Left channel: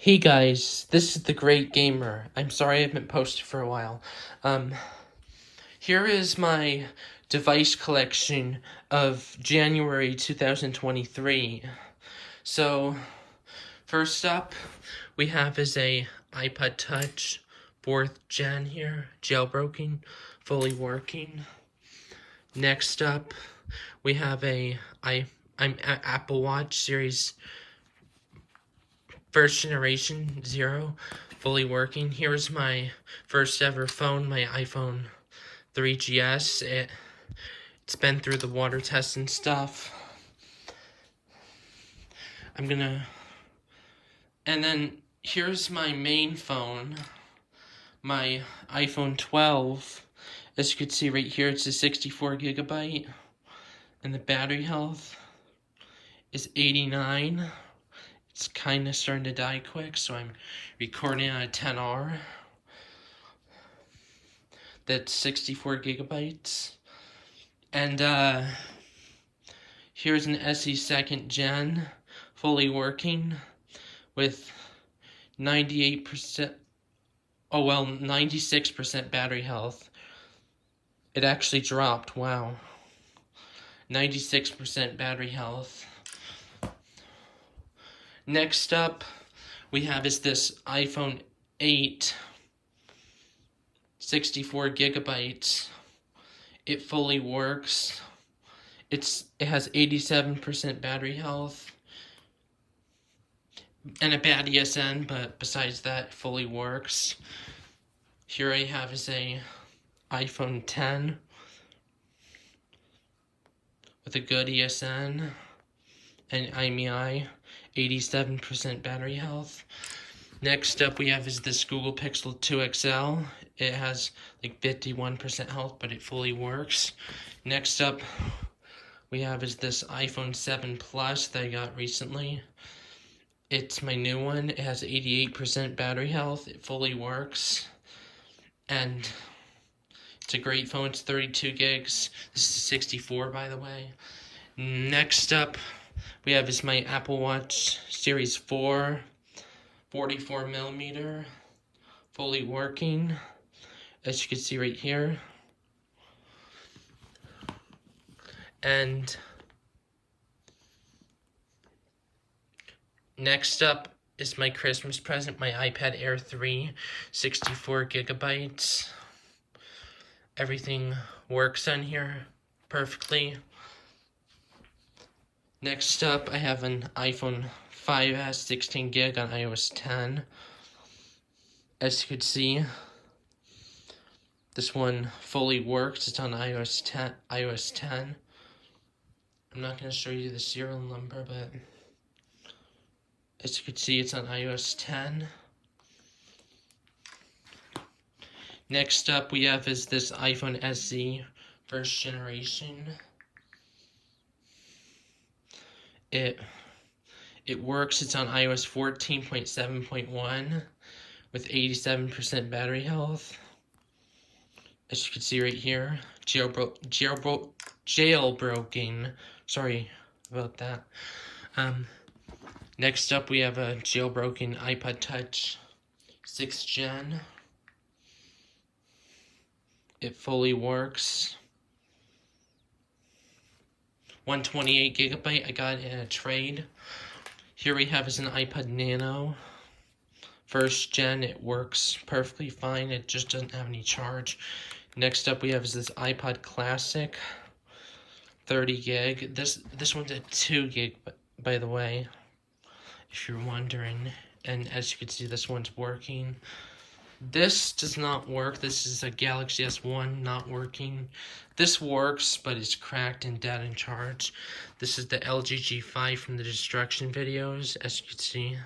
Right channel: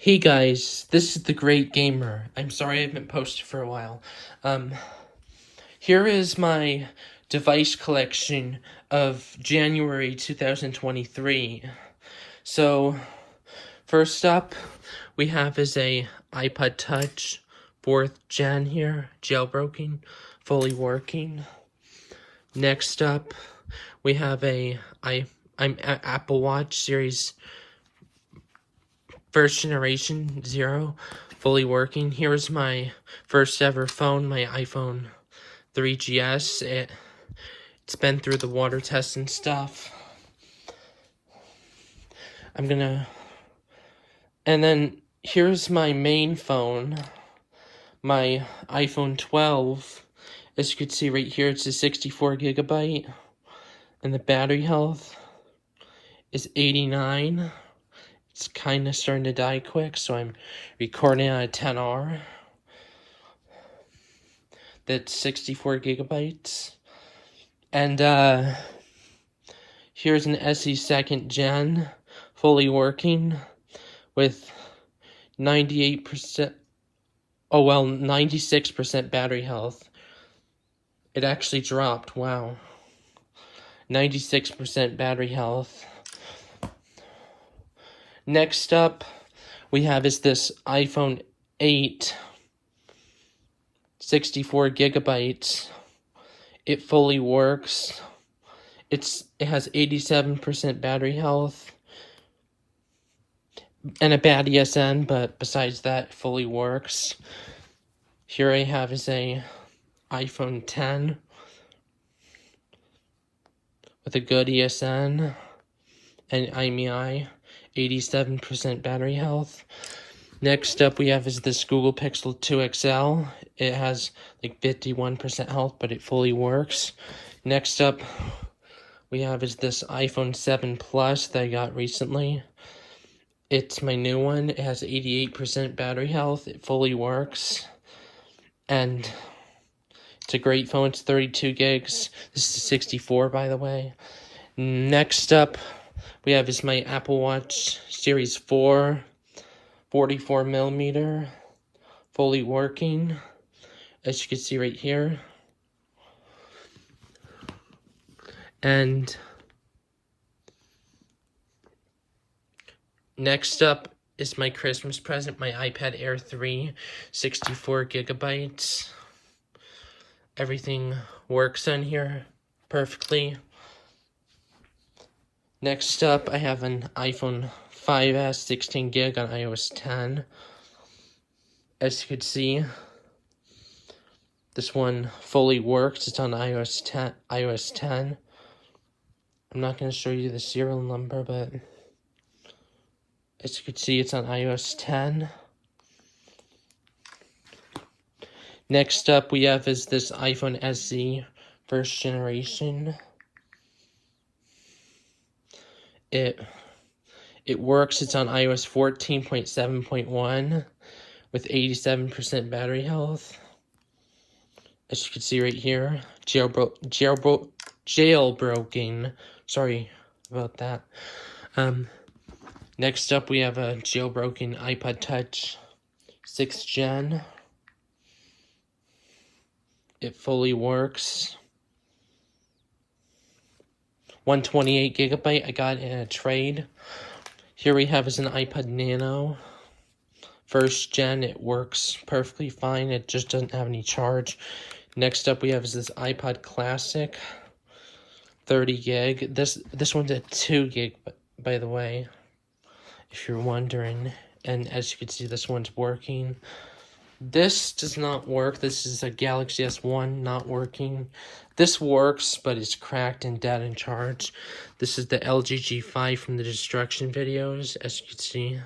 Hey guys, this is the Great Gamer. I'm sorry I haven't posted for a while. Here is my device collection of January 2023. So, first up, we have is a iPod Touch 4th gen here, jailbroken, fully working. Next up, we have Apple Watch Series first generation 0, fully working. Here's my first ever phone, my iPhone 3GS. It's been through the water test and stuff. And then here's my main phone, my iPhone 12. As you can see right here, it's a 64GB, and the battery health is 89. It's kind of starting to die quick, so I'm recording on a 10R. That's 64GB. And here's an SE 2nd gen, fully working, with 96% battery health. It actually dropped, wow. 96% battery health. Next up, we have is this iPhone 8, 64GB. It fully works. It has 87% battery health and a bad ESN, but besides that, fully works. Here I have is a iPhone 10 with a good ESN and IMEI, 87% battery health. Next up we have is this Google Pixel 2 XL. It has like 51% health, but it fully works. Next up we have is this iPhone 7 Plus that I got recently. It's my new one. It has 88% battery health. It fully works. And it's a great phone. It's 32 gigs. This is 64, by the way. Next up, we have is my Apple Watch Series 4, 44mm, fully working, as you can see right here. And next up is my Christmas present, my iPad Air 3, 64GB. Everything works on here perfectly. Next up, I have an iPhone 5S 16GB on iOS 10. As you can see, this one fully works. It's on iOS 10. I'm not going to show you the serial number, but as you can see, it's on iOS 10. Next up, we have is this iPhone SE first generation. It works. It's on iOS 14.7.1 with 87% battery health. As you can see right here, jailbroken. Sorry about that. Next up, we have a jailbroken iPod Touch 6th gen. It fully works. 128GB. I got it in a trade. Here we have is an iPod Nano. First gen. It works perfectly fine. It just doesn't have any charge. Next up we have is this iPod Classic. 30 gig. This one's a 2 gig, by the way, if you're wondering. And as you can see, this one's working. This does not work. This is a Galaxy S1 not working. This works, but it's cracked and dead in charge. This is the LG G5 from the destruction videos. As you can see,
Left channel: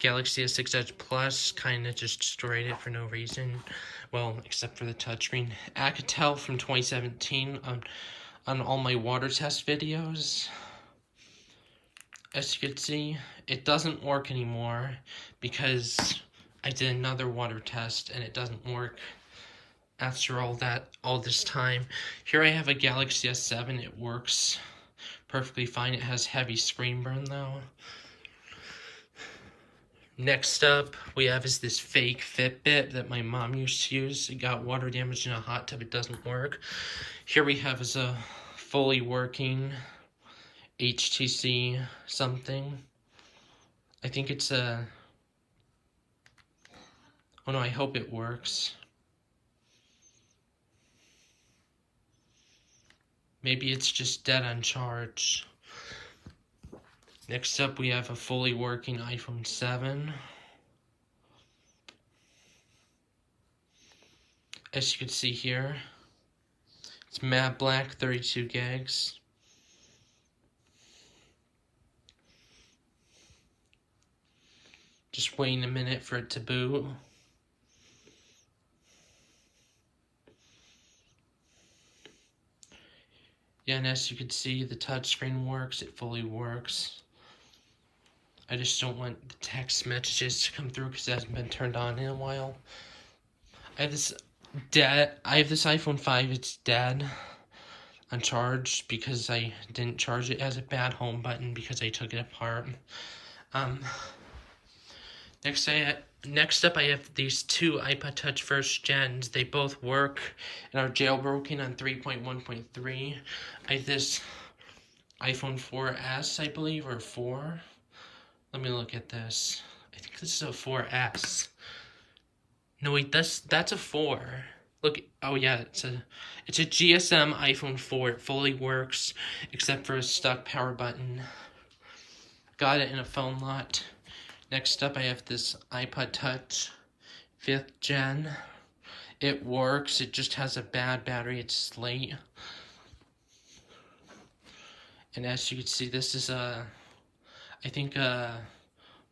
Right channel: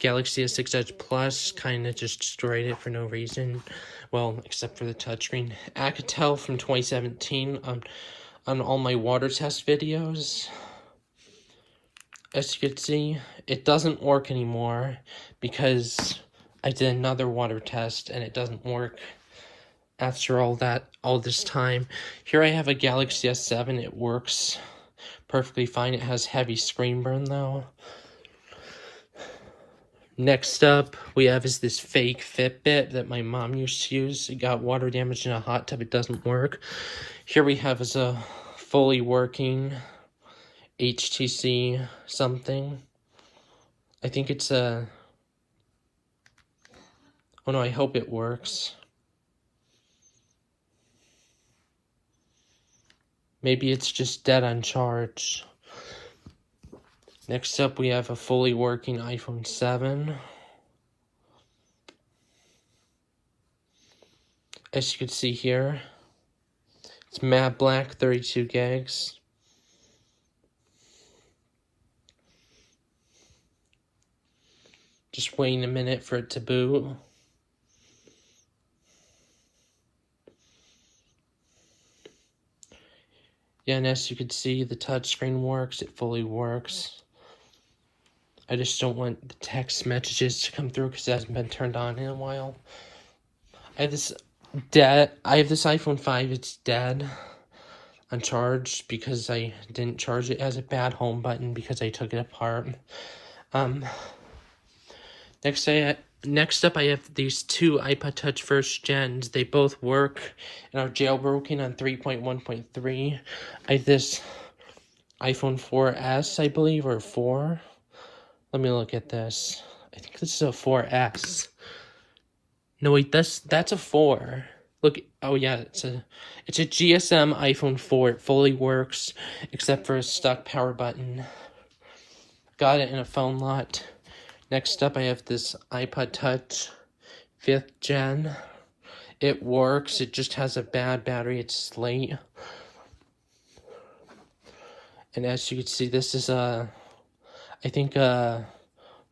Galaxy S6 Edge Plus kind of just destroyed it for no reason. Well, except for the touchscreen. Alcatel from 2017 on all my water test videos. As you can see, it doesn't work anymore because I did another water test and it doesn't work after all this time. Here I have a Galaxy S7. It works perfectly fine. It has heavy screen burn though. Next up, we have is this fake Fitbit that my mom used to use. It got water damage in a hot tub. It doesn't work. Here we have is a fully working HTC something. I think it's a... Oh no, I hope it works. Maybe it's just dead on charge. Next up, we have a fully working iPhone 7. As you can see here, it's matte black, 32 gigs. Just waiting a minute for it to boot. Yeah, and as you can see, the touchscreen works. It fully works. I just don't want the text messages to come through because it hasn't been turned on in a while. I have this iPhone 5. It's dead on charge because I didn't charge it. It has a bad home button because I took it apart. Next up, I have these two iPod Touch first gens. They both work and are jailbroken on 3.1.3. I have this iPhone 4S, I believe, or 4. Let me look at this. I think this is a 4S. No, wait, that's a 4. Look, oh yeah, it's a GSM iPhone 4. It fully works, except for a stuck power button. Got it in a phone lot. Next up, I have this iPod Touch 5th gen. It works, it just has a bad battery, it's slate. And as you can see, this is a, I think a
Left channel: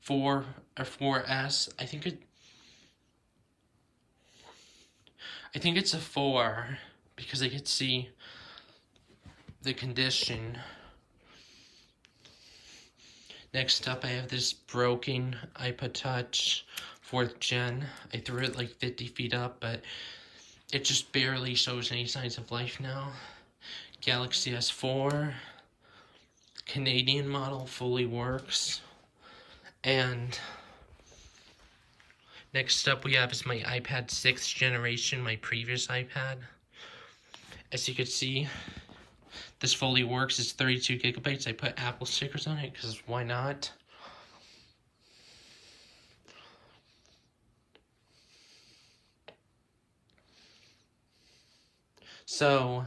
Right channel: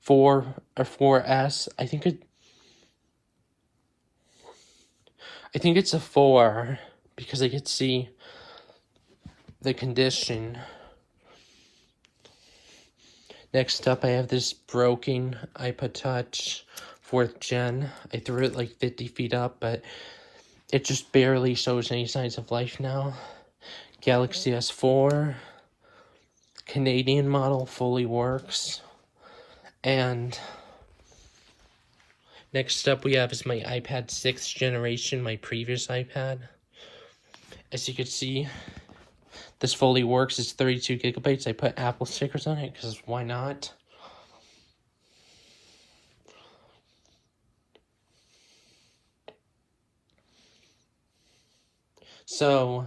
4 or 4S. I think it's a 4 because I could see the condition. Next up, I have this broken iPod Touch 4th gen. I threw it like 50 feet up, but it just barely shows any signs of life now. Galaxy S4, Canadian model, fully works. And next up we have is my iPad 6th generation, my previous iPad. As you can see, this fully works. It's 32 gigabytes. I put Apple stickers on it because why not? So,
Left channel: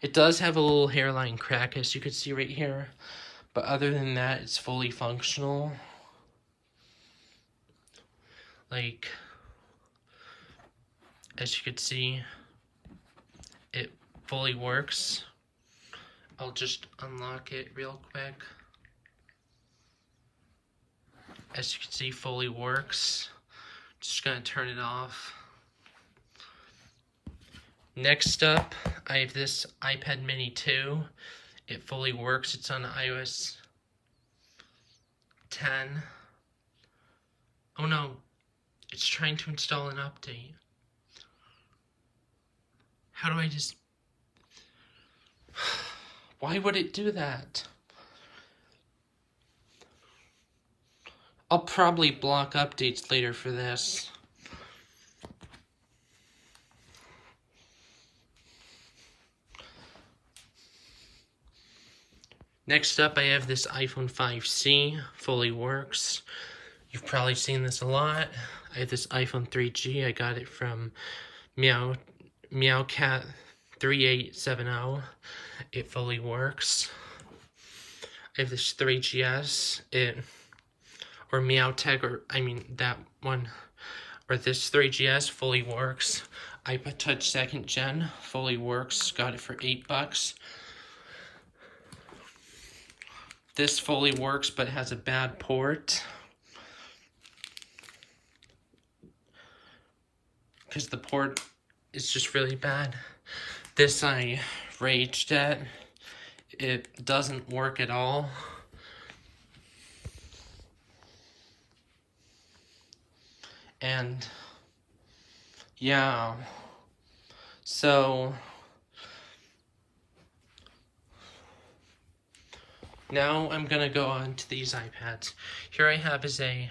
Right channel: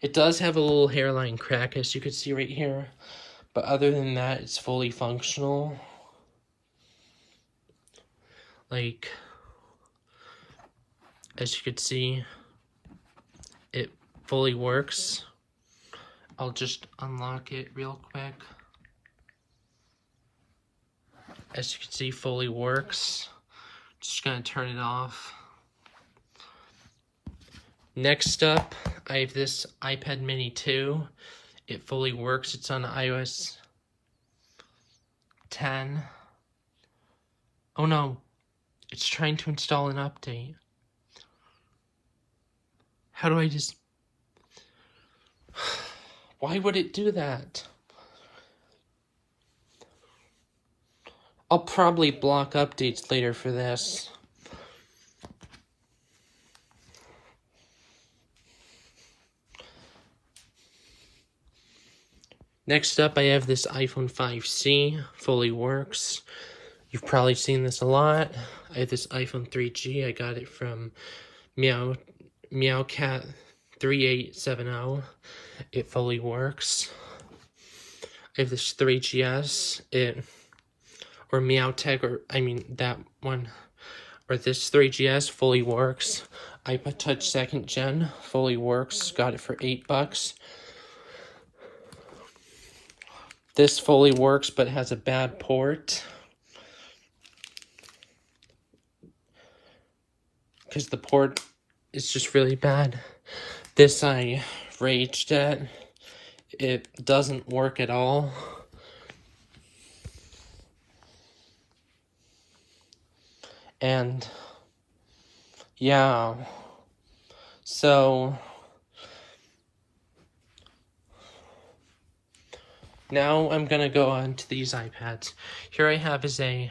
it does have a little hairline crack, as you can see right here. But other than that, it's fully functional. Like, as you can see, it fully works. I'll just unlock it real quick. As you can see, fully works. Just gonna turn it off. Next up, I have this iPad Mini 2. It fully works. It's on iOS 10. Oh no, it's trying to install an update. How do I just... Why would it do that? I'll probably block updates later for this. Next up, I have this iPhone 5C, fully works. You've probably seen this a lot. I have this iPhone 3G. I got it from Meowcat 3870. It fully works. I have this 3GS. Or Meowtech, or I mean that one. Or this 3GS fully works. iPod Touch 2nd gen fully works. Got it for $8. This fully works, but has a bad port. Because the port is just really bad. This I raged at. It doesn't work at all. And yeah. So now I'm gonna go on to these iPads. Here I have is a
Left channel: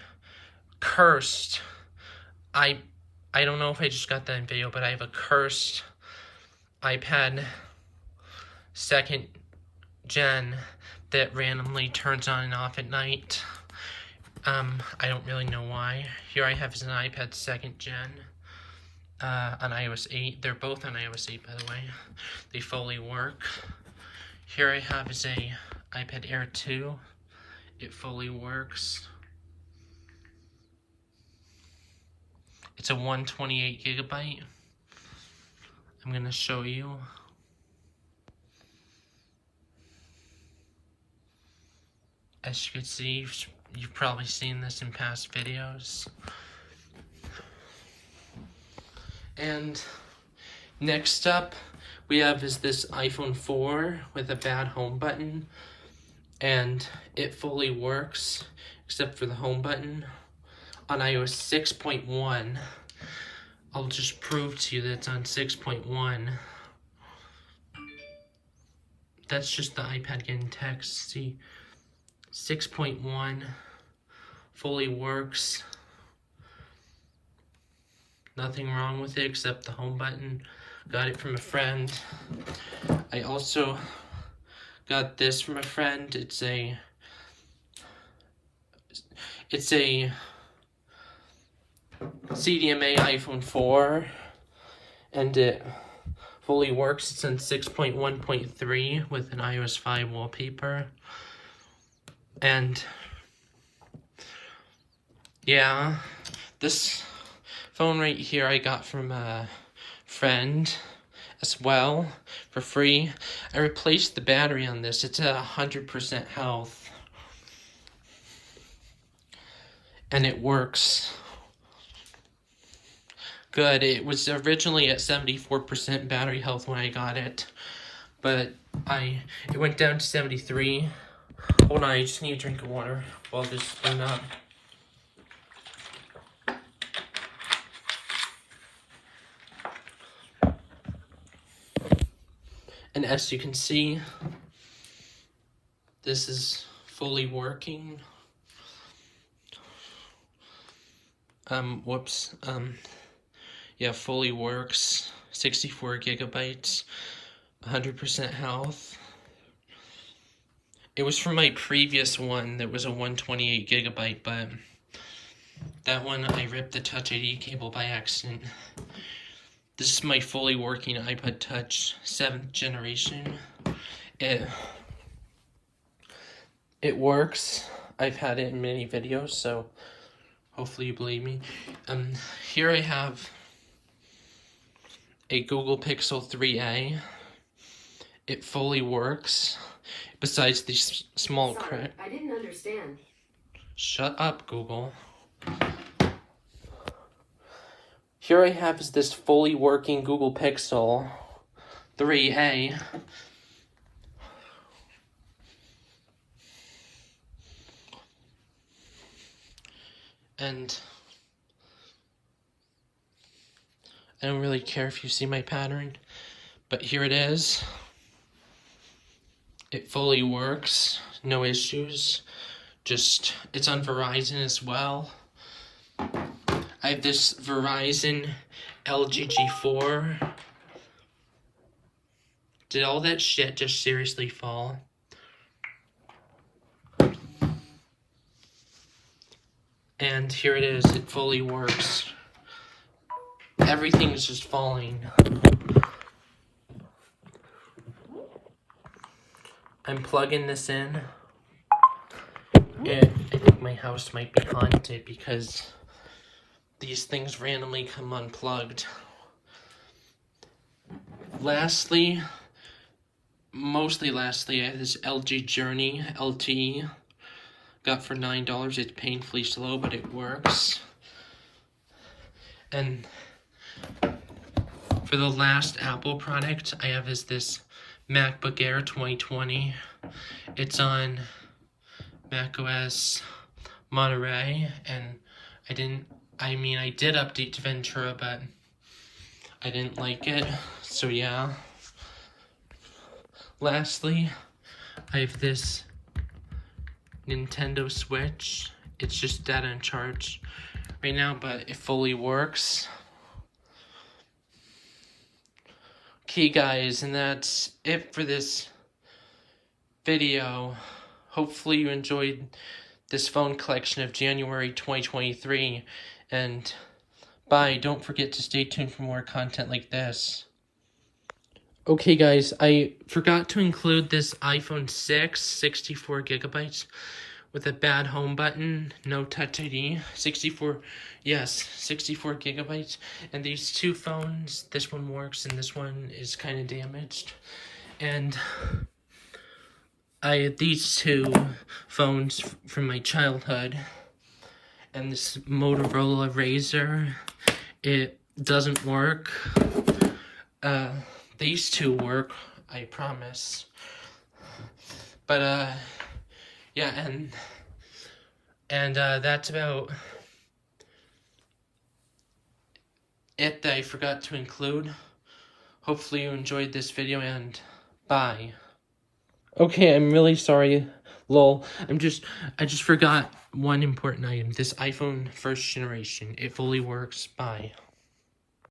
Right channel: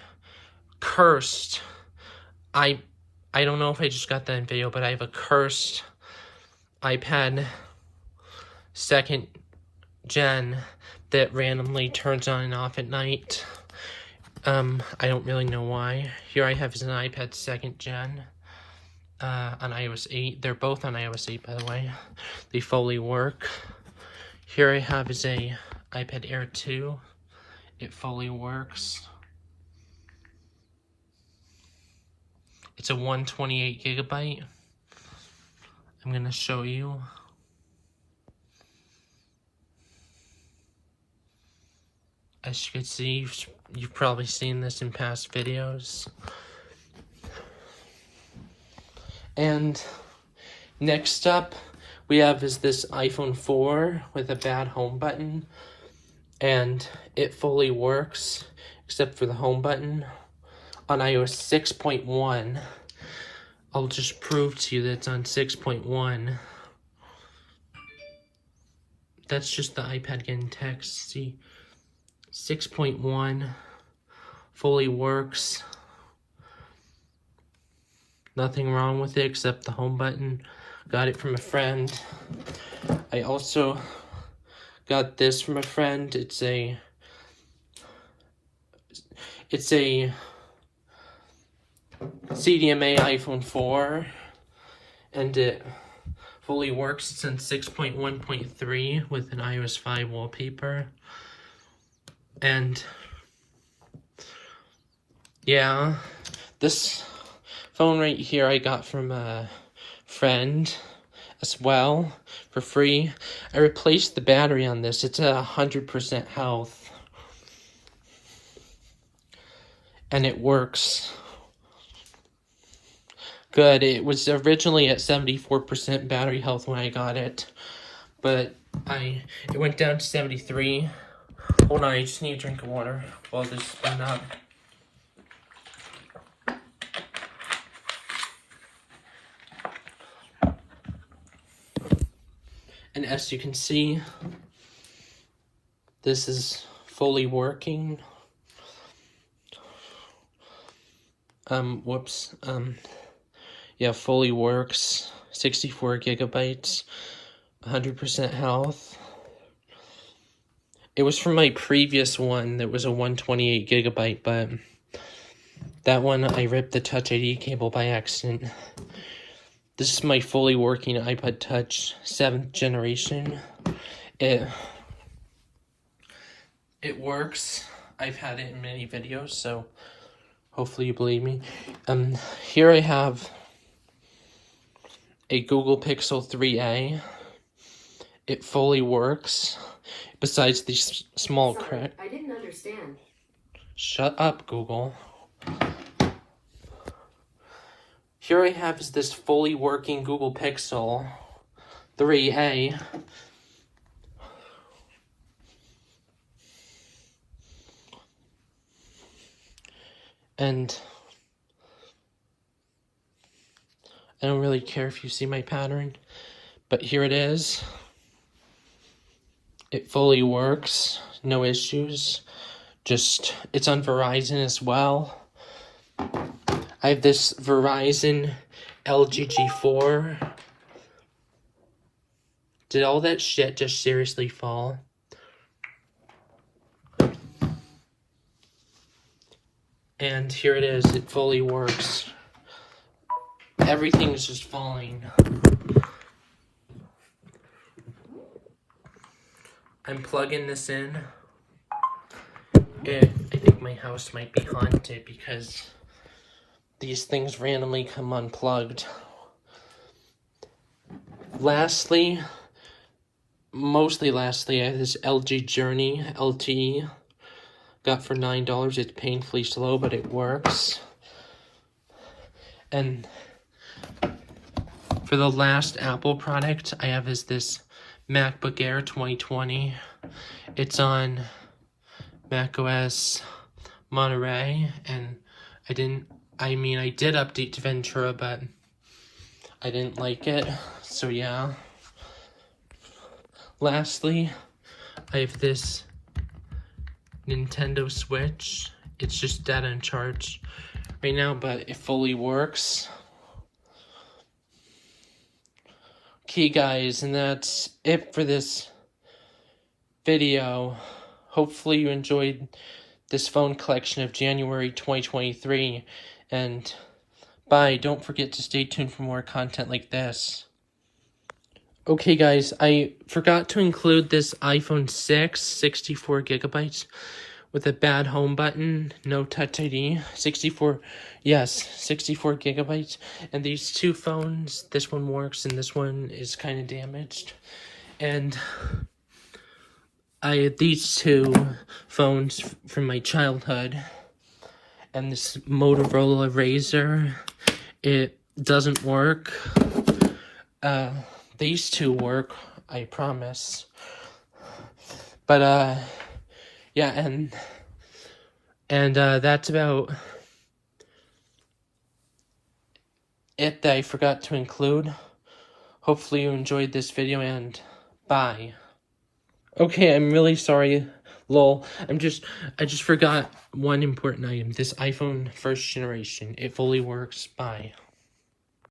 cursed. I don't know if I just got that in video, but I have a cursed iPad 2nd gen that randomly turns on and off at night. I don't really know why. Here I have is an iPad 2nd gen on iOS 8. They're both on iOS 8, by the way. They fully work. Here I have is a iPad Air 2. It fully works. It's a 128 gigabyte. I'm gonna show you. As you can see, you've probably seen this in past videos. And next up, we have is this iPhone 4 with a bad home button. And it fully works, except for the home button. On iOS 6.1, I'll just prove to you that it's on 6.1. That's just the iPad getting text. See, 6.1 fully works. Nothing wrong with it except the home button. Got it from a friend. I also got this from a friend. It's a CDMA iPhone 4, and it fully works. It's on 6.1.3 with an iOS 5 wallpaper. And yeah, this phone right here I got from a friend as well for free. I replaced the battery on this. It's at 100% health. And it works good. It was originally at 74% battery health when I got it, but it went down to 73. Hold on, I just need a drink of water while this is spin up. And as you can see, this is fully working. Yeah, fully works. 64 gigabytes, 100% health. It was from my previous one that was a 128 gigabyte, but that one I ripped the Touch ID cable by accident. This is my fully working iPod Touch 7th generation. It works. I've had it in many videos, so hopefully you believe me. Here I have a Google Pixel 3a. It fully works. Besides these small cracks. I didn't understand. Shut up, Google. Here I have is this fully working Google Pixel 3a. And I don't really care if you see my pattern, but here it is. It fully works, no issues. Just, it's on Verizon as well. I have this Verizon LG G4. Did all that shit just seriously fall? And here it is, it fully works. Everything is just falling. I'm plugging this in. I think my house might be haunted because these things randomly come unplugged. Mostly lastly, I have this LG Journey LTE. Got for $9. It's painfully slow, but it works. And for the last Apple product I have is this MacBook Air 2020. It's on macOS Monterey, and I did update to Ventura, but I didn't like it, so yeah. Lastly, I have this Nintendo Switch. It's just dead on charge right now, but it fully works. Okay, guys, and that's it for this video. Hopefully you enjoyed this phone collection of January 2023, and bye. Don't forget to stay tuned for more content like this. Okay, guys, I forgot to include this iPhone 6, 64 gigabytes, with a bad home button, no Touch ID, 64 gigabytes, and these two phones, this one works and this one is kind of damaged, and I had these two phones from my childhood, and this Motorola Razr, it doesn't work. These two work, I promise. But, yeah, and that's about it that I forgot to include. Hopefully you enjoyed this video, and bye. Okay, I'm really sorry, lol. I just forgot one important item. This iPhone 1st generation. It fully works. Bye.